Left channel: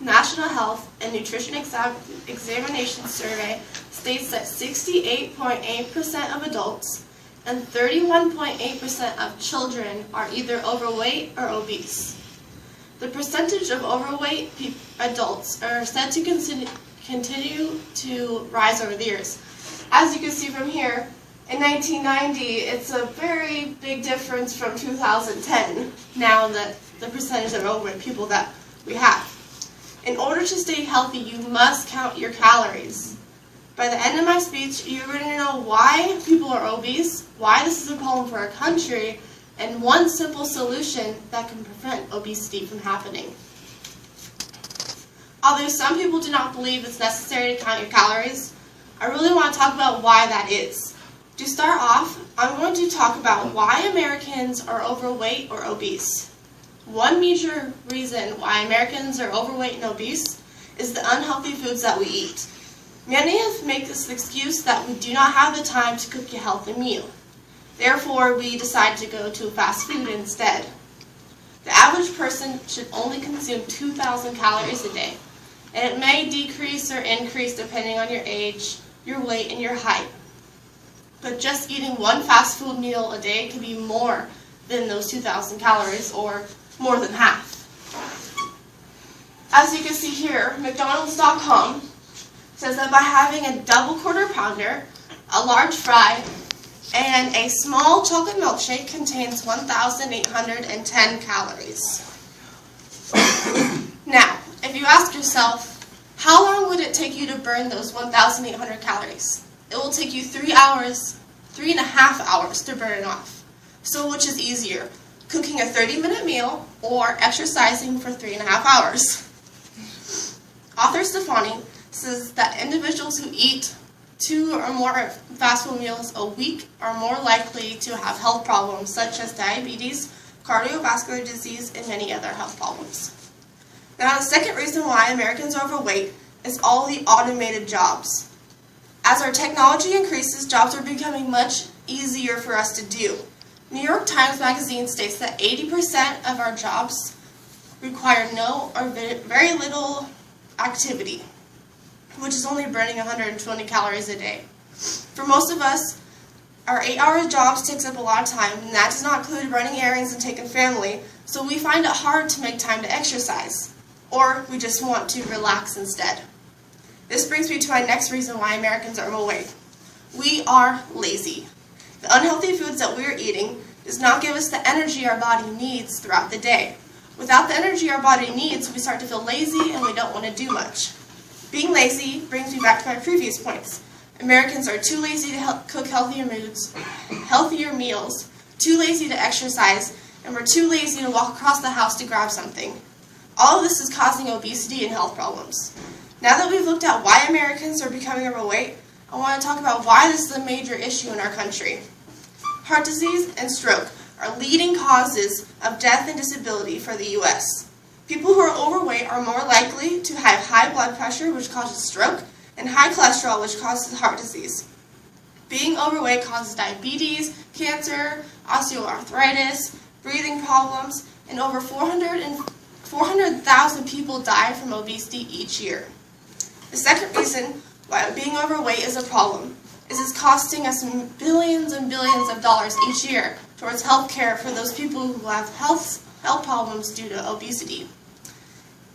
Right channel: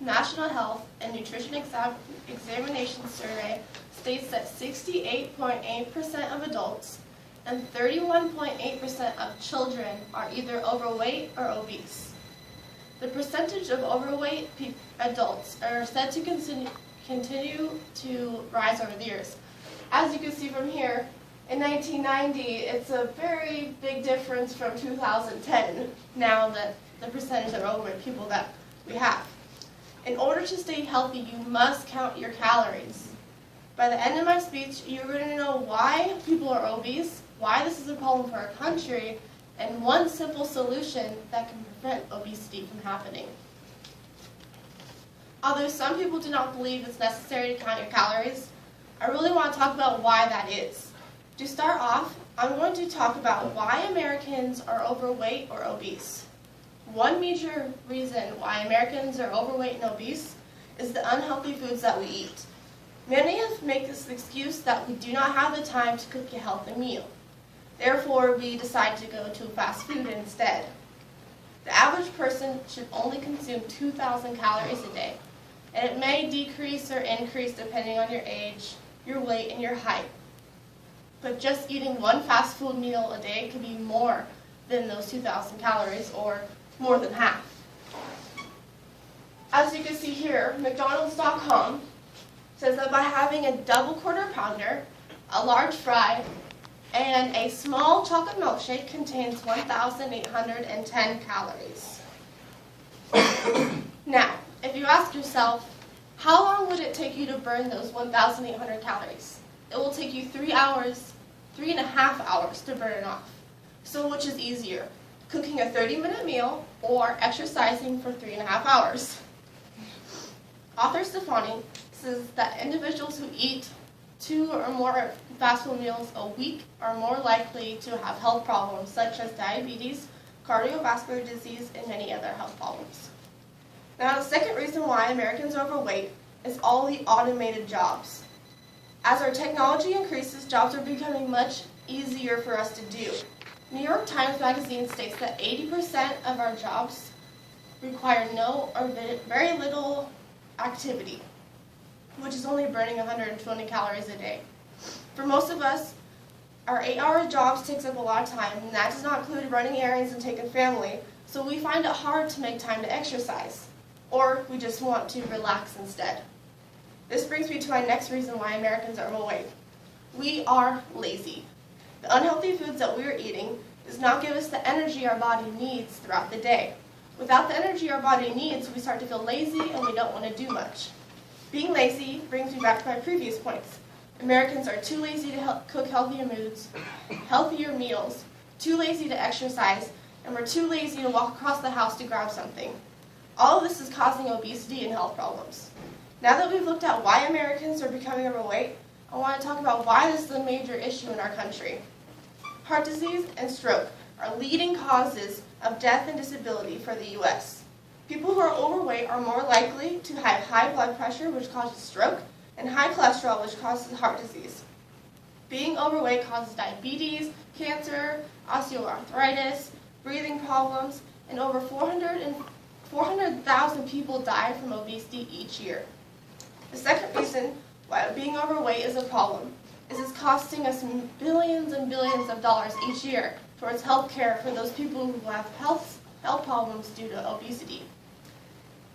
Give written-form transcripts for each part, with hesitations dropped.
National Health and Nutrition Examination Survey states that 68.8% of adults and 31.8% of children are either overweight or obese. The percentage of overweight adults are said to continue to rise over the years. As you can see from here, in 1990, it's a very big difference from 2010, now that the percentage of overweight people that we have. In order to stay healthy, you must count your calories. By the end of my speech, you're going to know why people are obese, why this is a problem for our country, and one simple solution that can prevent obesity from happening. Although some people do not believe it's necessary to count your calories, I really want to talk about why that is. To start off, I'm going to talk about why Americans are overweight or obese. One major reason why Americans are overweight and obese is the unhealthy foods that we eat. Many of us make this excuse that we do not have the time to cook a healthy meal. Therefore, we decide to go to fast food instead. The average person should only consume 2,000 calories a day, and it may decrease or increase depending on your age, your weight, and your height. But just eating one fast food meal a day could be more than those 2,000 calories, or more than half. As you can see here, McDonald's.com says that by having a double quarter pounder, a large fry, and a small chocolate milkshake contains 1,810 calories. Now, if you ask yourself, how long would it take you to burn those 1,800 calories? It will take you 3 hours, 3.5 hours to burn it off. So which is easier, cooking a 30-minute meal or exercising for 3.5 hours? Author Stefani says that individuals who eat 2 or more fast food meals a week are more likely to have health problems such as diabetes, cardiovascular disease, and many other health problems. Now, the second reason why Americans are overweight is all the automated jobs. As our technology increases, jobs are becoming much easier for us to do. New York Times Magazine states that 80% of our jobs require no or very little activity, which is only burning 120 calories a day. For most of us, our 8-hour jobs takes up a lot of time, and that does not include running errands and taking family, so we find it hard to make time to exercise, or we just want to relax instead. This brings me to my next reason why Americans are overweight. We are lazy. The unhealthy foods that we are eating does not give us the energy our body needs throughout the day. Without the energy our body needs, we start to feel lazy and we don't want to do much. Being lazy brings me back to my previous points. Americans are too lazy to cook healthier meals, too lazy to exercise, and we're too lazy to walk across the house to grab something. All of this is causing obesity and health problems. Now that we've looked at why Americans are becoming overweight, I want to talk about why this is a major issue in our country. Heart disease and stroke are leading causes of death and disability for the U.S. People who are overweight are more likely to have high blood pressure, which causes stroke, and high cholesterol, which causes heart disease. Being overweight causes diabetes, cancer, osteoarthritis, breathing problems, and over 400,000 people die from obesity each year. The second reason why being overweight is a problem is it's costing us billions and billions of dollars each year towards health care for those people who have health problems due to obesity.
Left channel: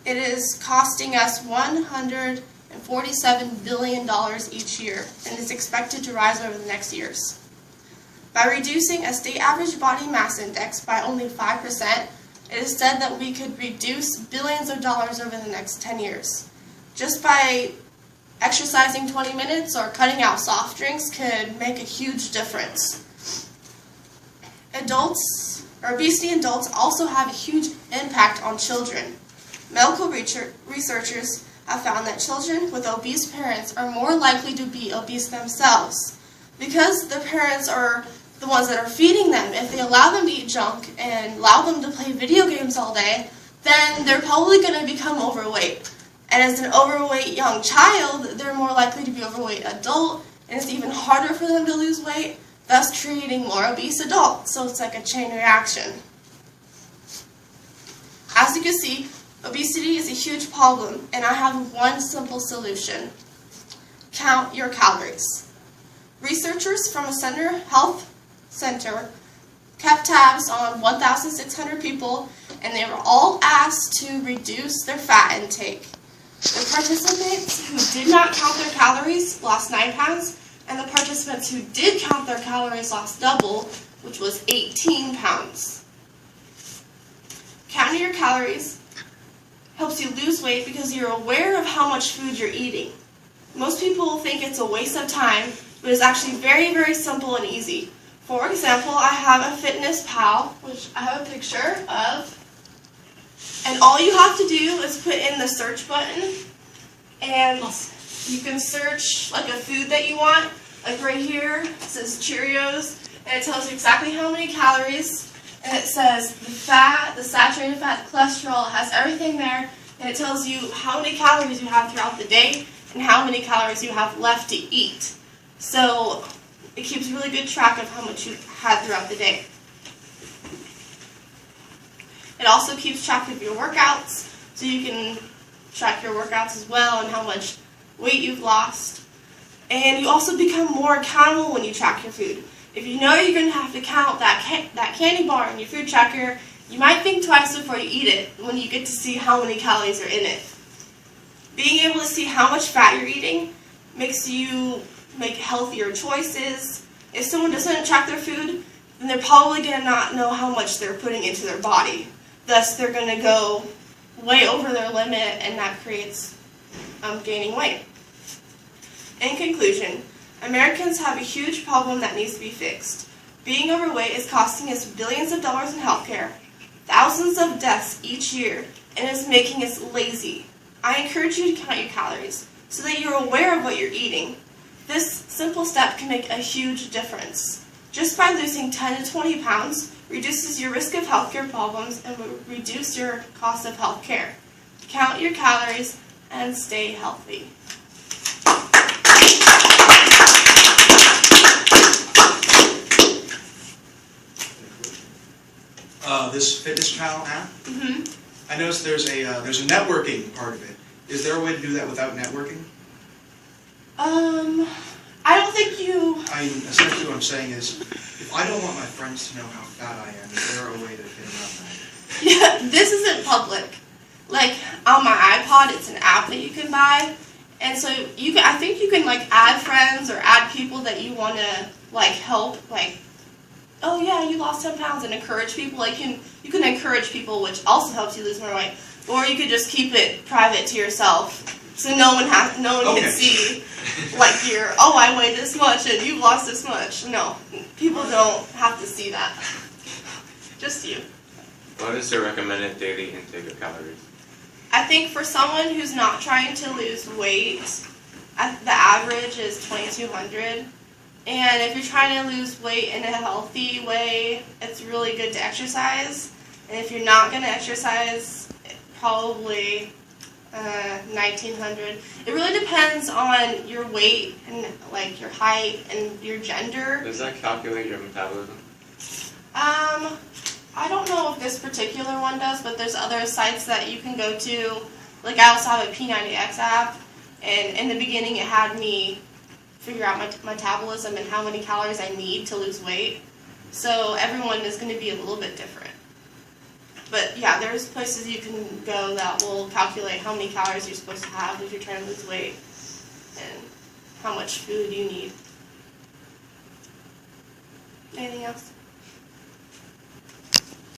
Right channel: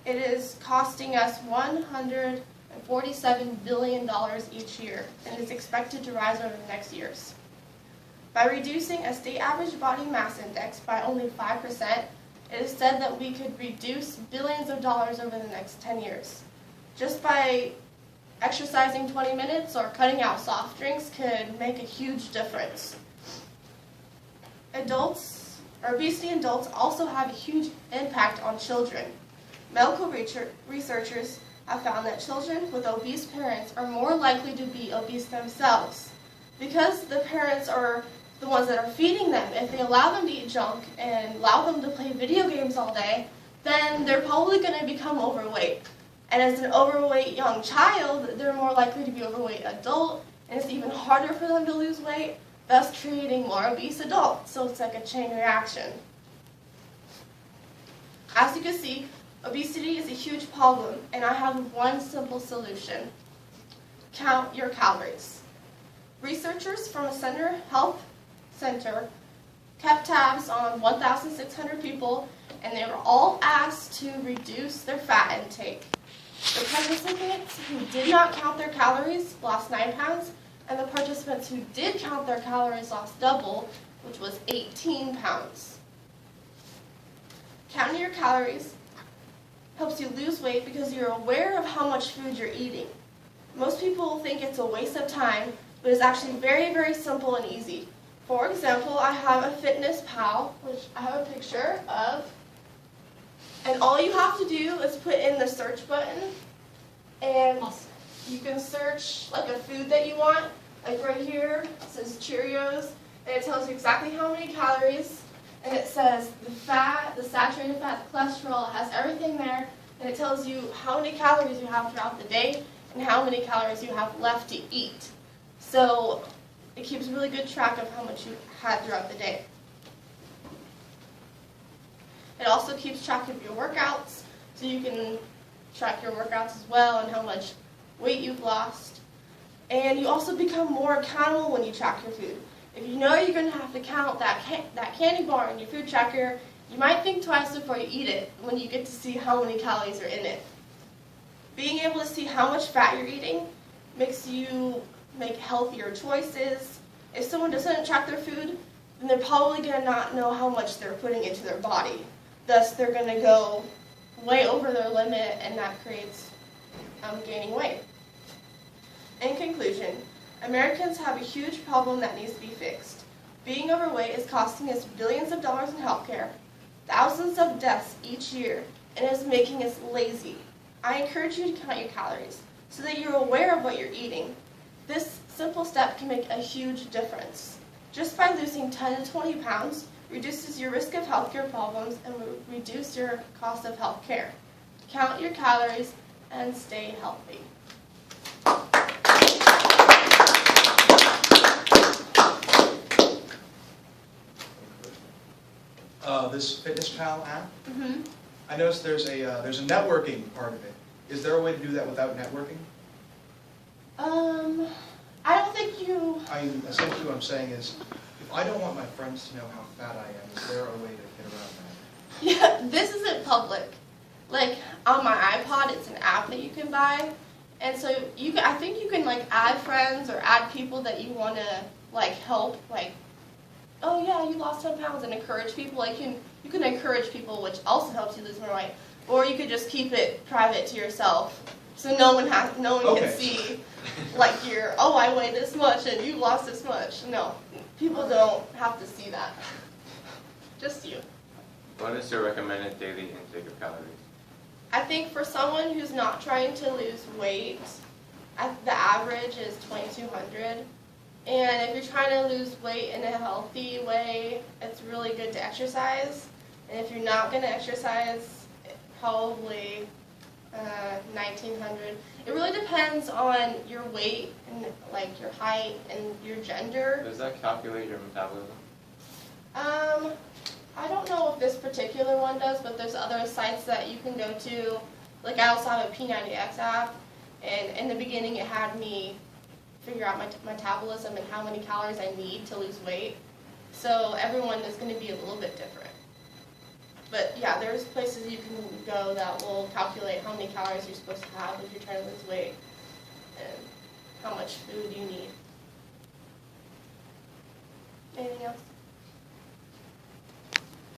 It is costing us $147 billion each year, and is expected to rise over the next years. By reducing a state average body mass index by only 5%, it is said that we could reduce billions of dollars over the next 10 years. Just by exercising 20 minutes or cutting out soft drinks could make a huge difference. Obesity in adults also have a huge impact on children. Medical researchers have found that children with obese parents are more likely to be obese themselves because the parents are the ones that are feeding them. If they allow them to eat junk and allow them to play video games all day, then they're probably going to become overweight. And as an overweight young child, they're more likely to be overweight adult, and it's even harder for them to lose weight, thus creating more obese adults. So it's like a chain reaction. As you can see, Obesity is a huge problem, and I have one simple solution. Count your calories. Researchers from a health center kept tabs on 1,600 people, and they were all asked to reduce their fat intake. The participants who did not count their calories lost 9 pounds, and the participants who did count their calories lost double, which was 18 pounds. Counting your calories helps you lose weight because you're aware of how much food you're eating. Most people think it's a waste of time, but it's actually very, very simple and easy. For example, I have a Fitness Pal, which I have a picture of, and all you have to do is put in the search button, and you can search like a food that you want. Like right here, it says Cheerios, and it tells you exactly how many calories, and it says the fat, the saturated fat, the cholesterol, it has everything there, and it tells you how many calories you have throughout the day and how many calories you have left to eat. So it keeps really good track of how much you had throughout the day. It also keeps track of your workouts, so you can track your workouts as well and how much weight you've lost. And you also become more accountable when you track your food. If you know you're going to have to count that candy bar in your food tracker, you might think twice before you eat it when you get to see how many calories are in it. Being able to see how much fat you're eating makes you make healthier choices. If someone doesn't track their food, then they're probably going to not know how much they're putting into their body. Thus, they're going to go way over their limit, and that creates gaining weight. In conclusion, Americans have a huge problem that needs to be fixed. Being overweight is costing us billions of dollars in healthcare, thousands of deaths each year, and is making us lazy. I encourage you to count your calories so that you're aware of what you're eating. This simple step can make a huge difference. Just by losing 10 to 20 pounds reduces your risk of healthcare problems and will reduce your cost of healthcare. Count your calories and stay healthy. This Fitness Pal app. I noticed there's a networking part of it. Is there a way to do that without networking? I don't think you... Essentially what I'm saying is, if I don't want my friends to know how fat I am, is there a way to get around that? Yeah, this isn't public. Like, on my iPod, it's an app that you can buy. And so I think you can, like, add friends or add people that you want to, like, help. Like, oh, yeah, you lost 10 pounds, and encourage people. Like, you can encourage people, which also helps you lose more weight. Or you could just keep it private to yourself. So no one can see, like, I weigh this much and you've lost this much. No, people don't have to see that. Just you. What is the recommended daily intake of calories? I think for someone who's not trying to lose weight, the average is 2,200. And if you're trying to lose weight in a healthy way, it's really good to exercise. And if you're not going to exercise, probably 1,900. It really depends on your weight and like your height and your gender. Does that calculate your metabolism? I don't know if this particular one does, but there's other sites that you can go to. Like I also have a P90X app, and in the beginning it had me figure out my metabolism and how many calories I need to lose weight. So everyone is going to be a little bit different. But yeah, there's places you can go that will calculate how many calories you're supposed to have if you're trying to lose weight and how much food you need. Anything else?